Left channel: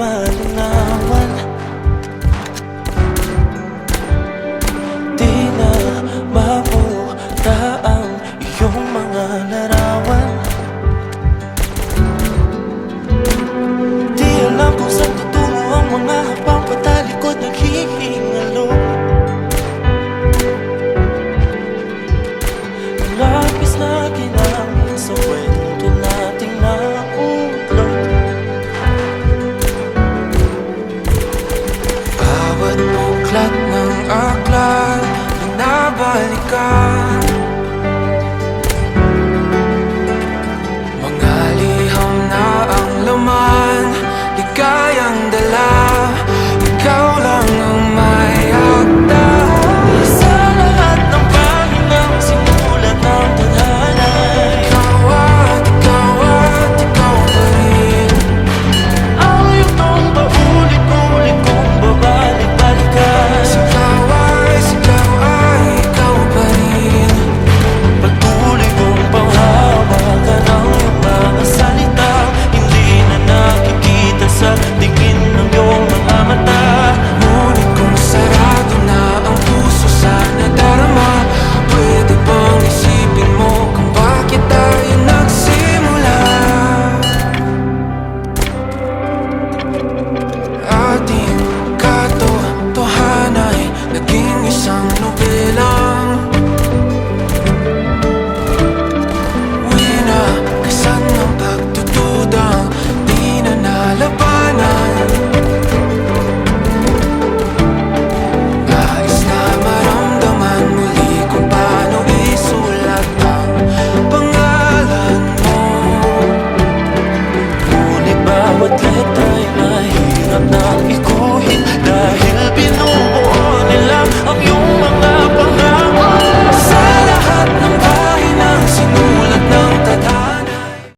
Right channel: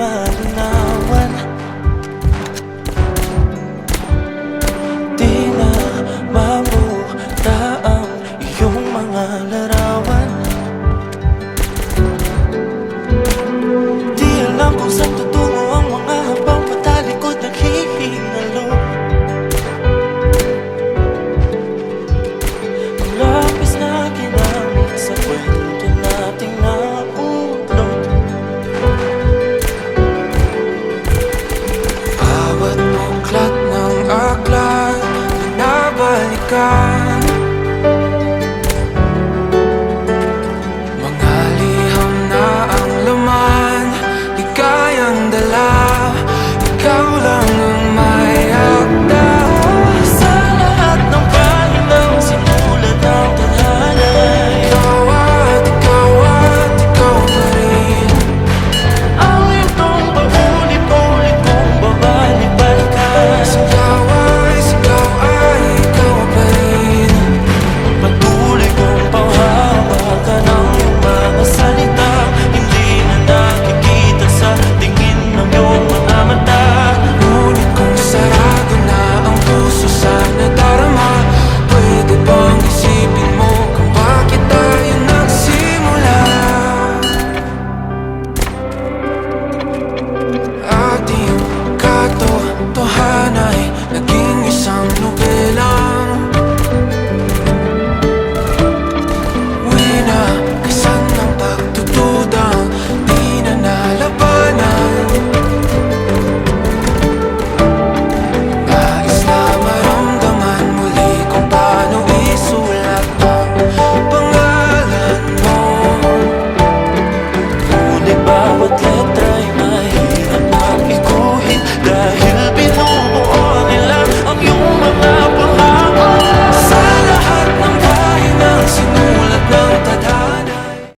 malinawan. Di na mabuta ang iyong mga larawan. Di alam kung saan tutungo ang mga habang patalikod naghihingalo. Ang lapis na ginamit sa kwento nating naulot. Bawat buklat ng aklat binabalikan. Mga liham na ang laman, ligayang dala, ikaw lang ang may akda. Sa lahat ng pahinang sinulat ng tadhana, ikaw at ikaw pa rin. Ang yugtong paulit-ulit kong babalik-balikan. Sigaw ay ikaw pa rin. Patuloy kong panghawakan ang iyong mga salitang hindi na nakikita sa tingin ng iyong mga mata. Ngunit kung sarado na ang puso sa nadarama, pwede bang isipin mo kung bakit tayo nagsimula? Ating katotohanan ay naging isang nobelang winakasan ng pagtutudang di na nalabanan. Nais na maramdaman muli kung paano isulat ang pangalan mo. Ngunit bawat letra'y mahirap nang iguhit, dahil binubuo nila ang iyong mga